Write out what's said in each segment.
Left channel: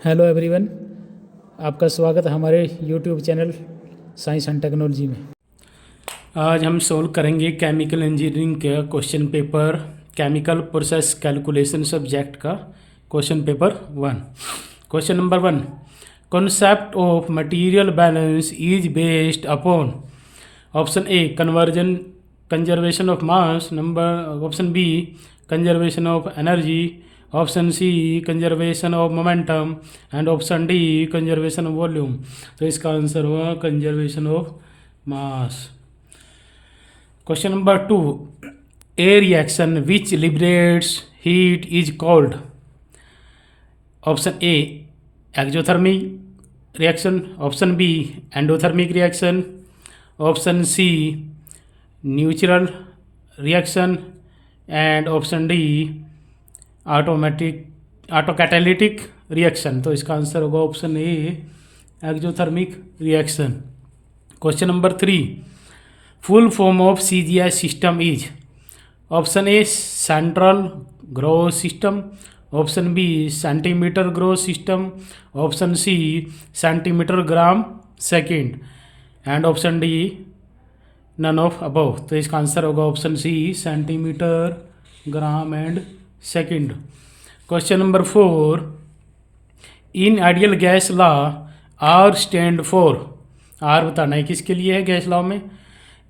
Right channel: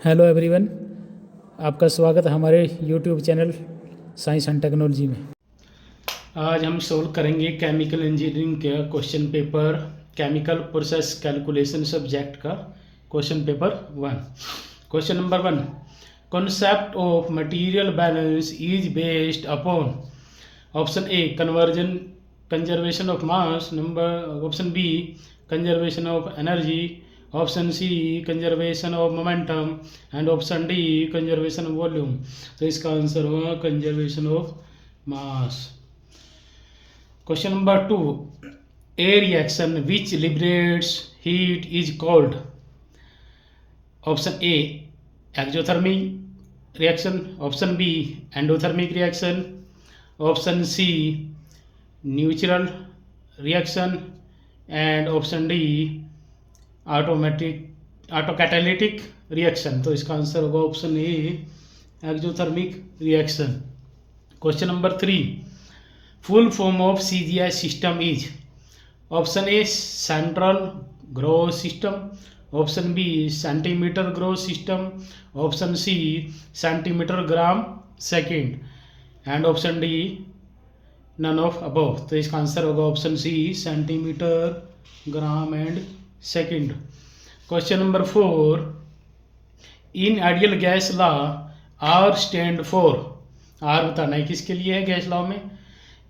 Hello everyone, आपका स्वागत है हमारे YouTube channel science and technology में। आज हम सोल्व करेंगे केमिकल इंजीनियरिंग का question paper chemical process calculation subject का question paper 1। Question number 1, concept of material balance is based upon option A conservation of mass, option B conservation of energy, option C conservation of momentum and option D conservation of volume. तो इसका answer हुआ conservation of mass. Question number 2, a reaction which liberates heat is called. Option A exothermic reaction, option B endothermic reaction, option C neutral reaction and option D autocatalytic reaction. तो इसका answer होगा option A exothermic reaction. Question number 3, full form of CGS system is. Option A central growth system, option B centimetre growth system, option C centimetre gram second and option D none of above. तो इसका answer होगा option C centimetre gram and second. Question number 4, in ideal gas law R stand for. R बताना है किसके लिए है gas law में।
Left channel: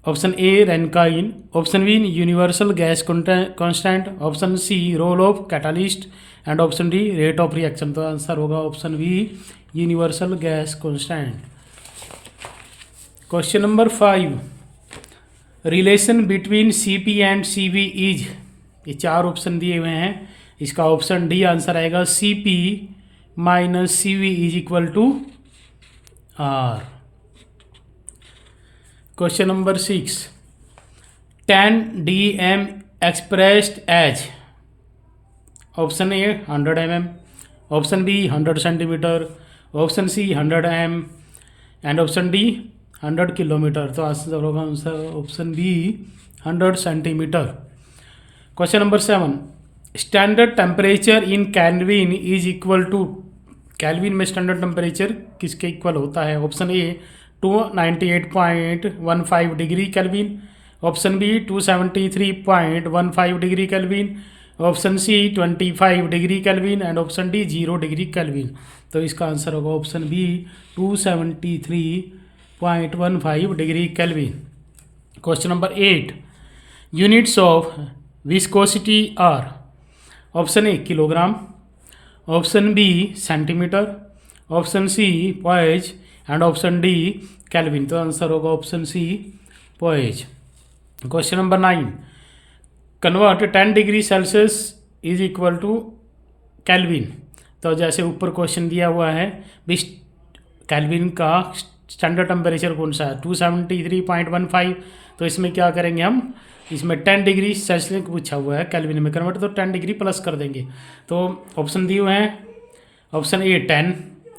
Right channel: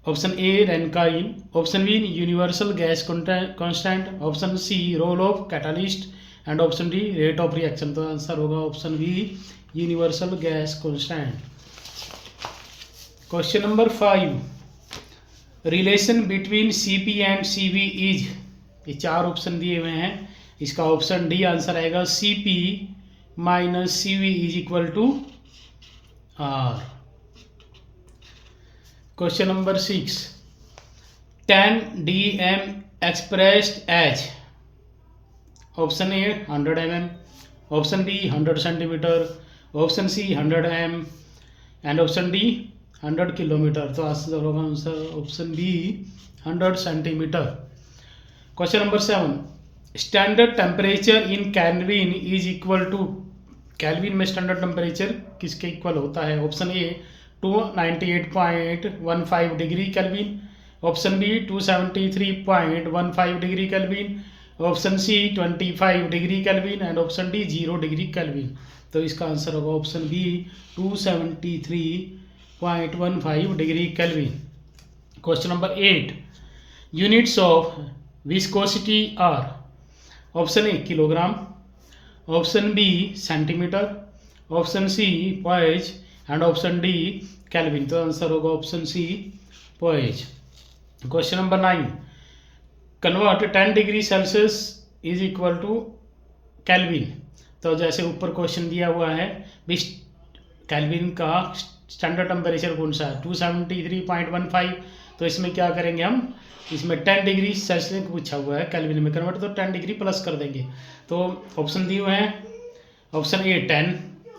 Option A Rankine, option B universal gas constant, option C role of catalyst and option D rate of reaction. तो answer होगा option B universal gas constant. Question number 5, relation between CP and CV is. ये 4 option दिए हुए हैं, इसका option D answer आएगा CP minus CV is equal to are. Question number 6, 10 dm expressed as. Option A 100 mm, option B 100 centimetre, option C 100 m and option D 100 kilometre. तो answer होगा option B 100 centimetre. Question number 7, standard temperature in Kelvin is equal to. Kelvin में standard temperature किसके equal होता है। Option A 298.15 degree Kelvin, option B 273.15 degree Kelvin, option C 25 degree Kelvin and option D 0 degree Kelvin. तो इसका answer होगा option B 273.15 degree Kelvin. Question number 8, units of viscosity are. Option A kilogram, option B centimetre, option C poise and option D Kelvin. तो answer होगा option C poise. Question number 9, convert 10 degree Celsius is equal to Kelvin. तो जैसे ऊपर question दिया हुआ है, kelvin का standard temperature कौन सा है 273.15। तो इसमें क्या करेंगे हम, इसमें 10 डिग्री सेल्सियस पूछा हुआ है केल्विन में कन्वर्ट, तो 10 डिग्री प्लस कर देंगे। तो ऑप्शन दिए हुए हैं, option A 10,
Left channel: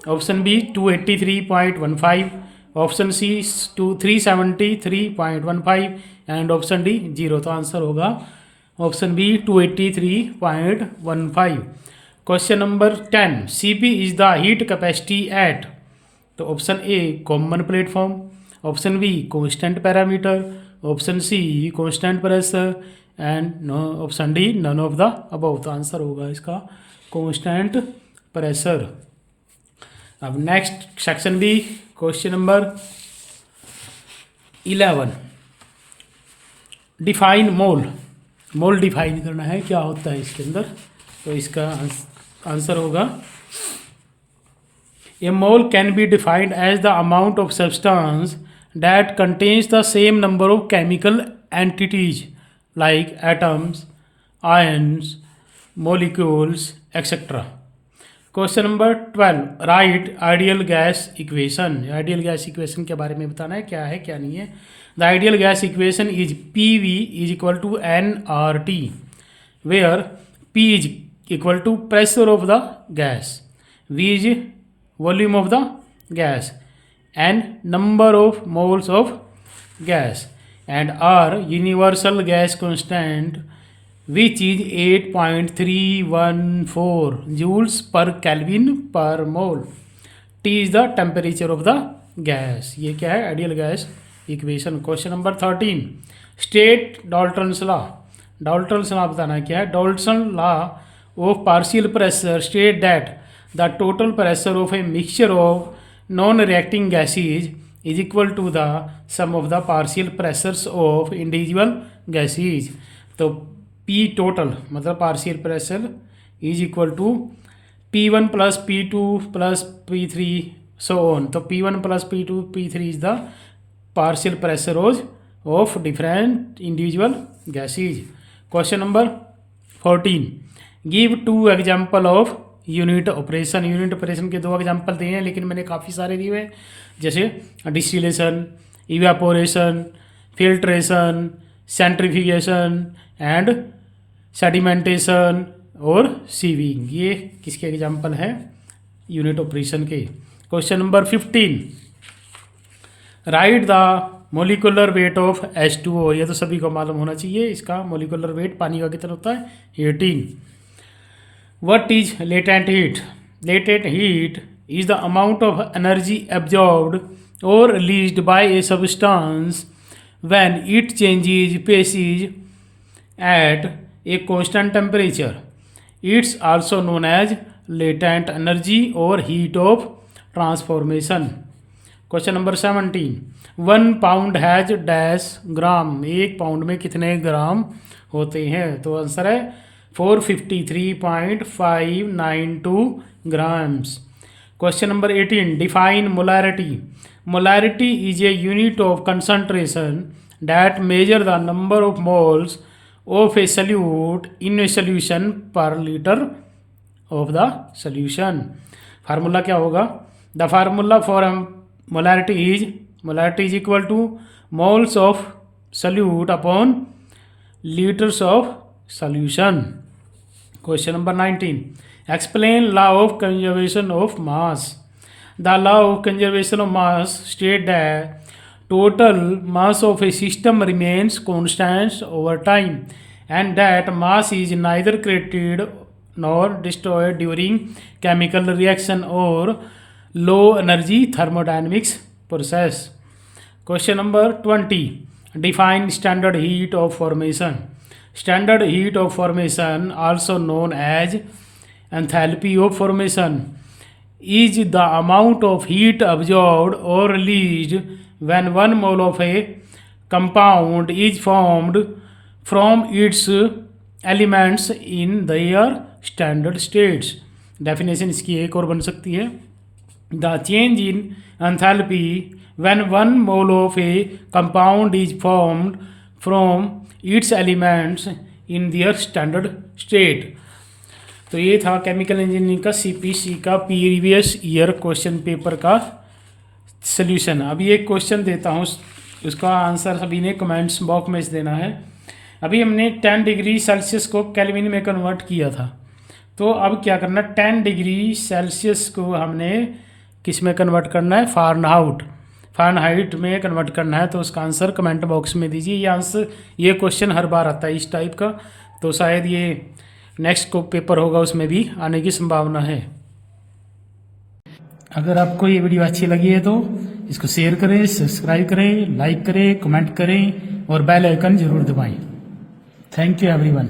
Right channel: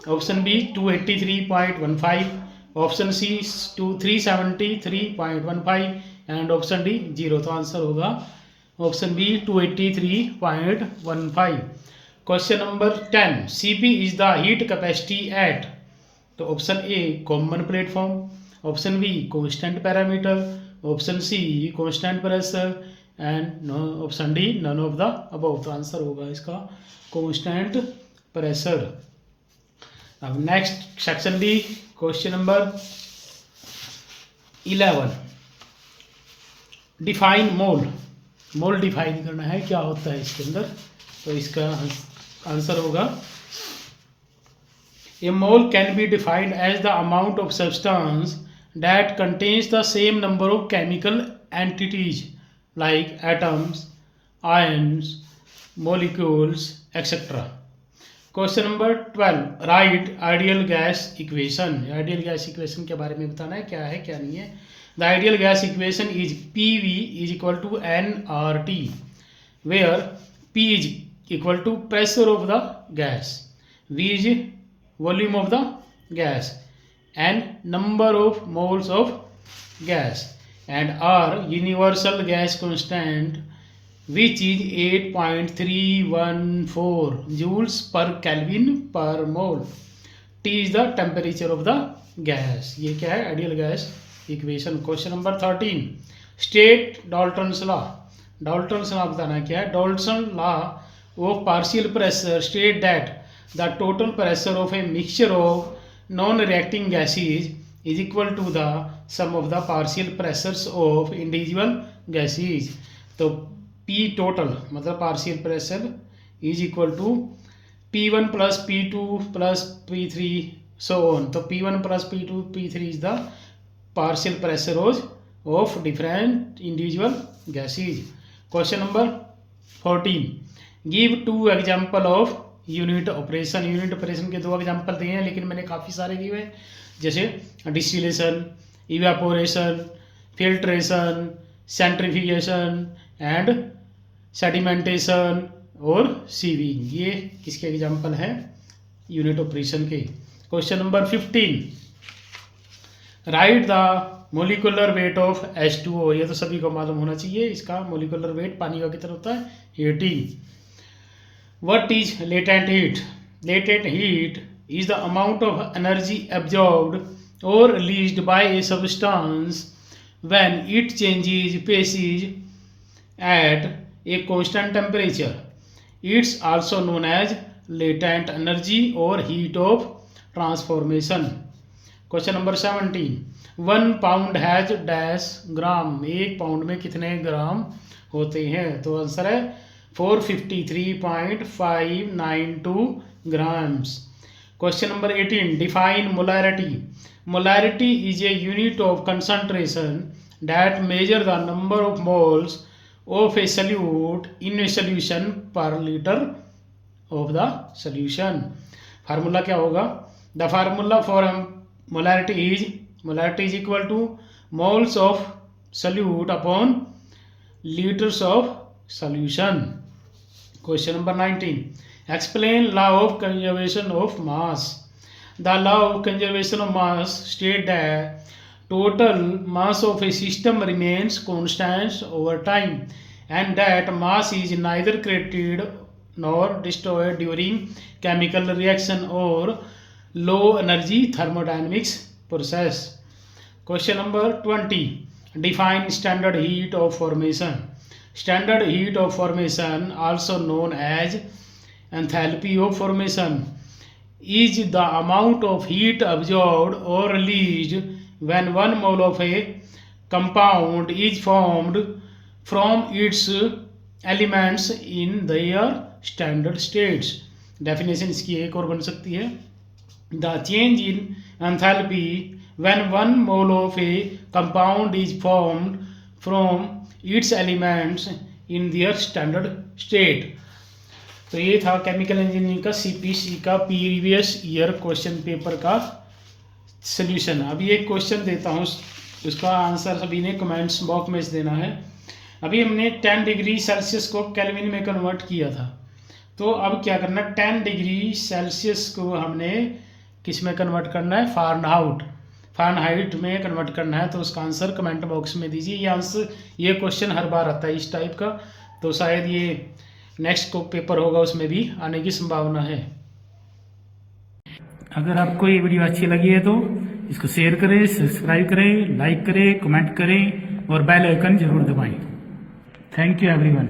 option B 283.15, option C 373.15 and option D 0। तो आंसर होगा option B 283.15। Question number 10, CP is the heat capacity at. तो option A common platform, option B constant parameter, option C constant pressure and option D none of the above. तो answer होगा इसका constant pressure. अब next section D, question number 11, define mole. Mole define करना है क्या होता है इसके अंदर। तो इसका आंसर होगा a mole can be defined as the amount of substance that contains the same number of chemical entities like atoms, ions, molecules, etc. Question number 12, right ideal gas equation. Ideal gas equation के बारे में बताना है क्या है क्या नहीं है। The ideal gas equation is PV is equal to nRT, where P is equal to pressure of the gas, V is volume of the gas and number of moles of gas and R universal gas constant which is 8.314 joules per kelvin per mole. T is the temperature of the gas. ये क्या है? Ideal gas equation. Question number 13, state Dalton's law. Dalton's law बताना क्या है? Dalton law of partial pressure state that the total pressure of a mixture of non reacting gases is equal to the sum of the partial pressures of individual gases. तो P total मतलब partial pressure is equal to P1 plus P2 plus P3 so on. तो P1 plus P2 P3 is the partial pressure of different individual gases. Question number 14, give 2 example of unit operation. Unit operation के 2 example दिए हैं, लेकिन मैंने काफ़ी सारे दिए हैं, जैसे distillation, evaporation, filtration, centrifugation and sedimentation और सीविंग। ये किसके एग्जाम्पल हैं? यूनिट ऑपरेशन के। Question number 15, right the molecular weight of H2O। ये तो सभी को मालूम होना चाहिए, इसका मोलिकुलर वेट पानी का कितना होता है? 18। What is latent heat? Latent heat is the amount of energy absorbed or released by a substance when it changes phases at a constant temperature. It's also known as latent energy or heat of transformation. Question number 17. 1 pound has dash gram. 1 pound में कितने ग्राम होते हैं? तो answer है 453.592 grams. Question number 18. Define molarity. Molarity is a unit of concentration that measure the number of moles of a solute in a solution per liter of the solution. Formula क्या होगा? The formula for molarity is equal to moles of solute upon liters of solution. Question number 19. Explain law of conservation of mass. The law of conservation of mass states that total mass of a system remains constant over time and that mass is neither created nor destroyed during chemical reaction or low energy thermodynamics process. Question number 20. Define standard heat of formation. Standard heat of formation, also known as enthalpy of formation, is the amount of heat absorbed or released when 1 mole of a compound is formed from its elements in their standard states. Definition इसकी एक और बन सकती है, the change in enthalpy when 1 mole of a compound is formed from its elements in their standard state. तो ये था chemical engineering का CPC का प्रीवियस ईयर क्वेश्चन पेपर का सल्यूशन। अभी एक क्वेश्चन देता हूँ, उसका आंसर सभी ने कमेंट्स बॉक्स में देना है। अभी हमने 10 डिग्री सेल्सियस को केल्विन में कन्वर्ट किया था, तो अब क्या करना, 10 डिग्री सेल्सियस को हमने किस में कन्वर्ट करना है? फ़ारेनहाइट में कन्वर्ट करना है। तो उसका आंसर कमेंट बॉक्स में दीजिए। ये क्वेश्चन हर बार आता है इस टाइप का, तो शायद ये नेक्स्ट को पेपर होगा उसमें भी आने की संभावना है। अगर आपको ये वीडियो अच्छी लगी है तो इसको शेयर करें, सब्सक्राइब करें, लाइक करें, कमेंट करें और बेल आइकन जरूर दबाएं। Thank you everyone.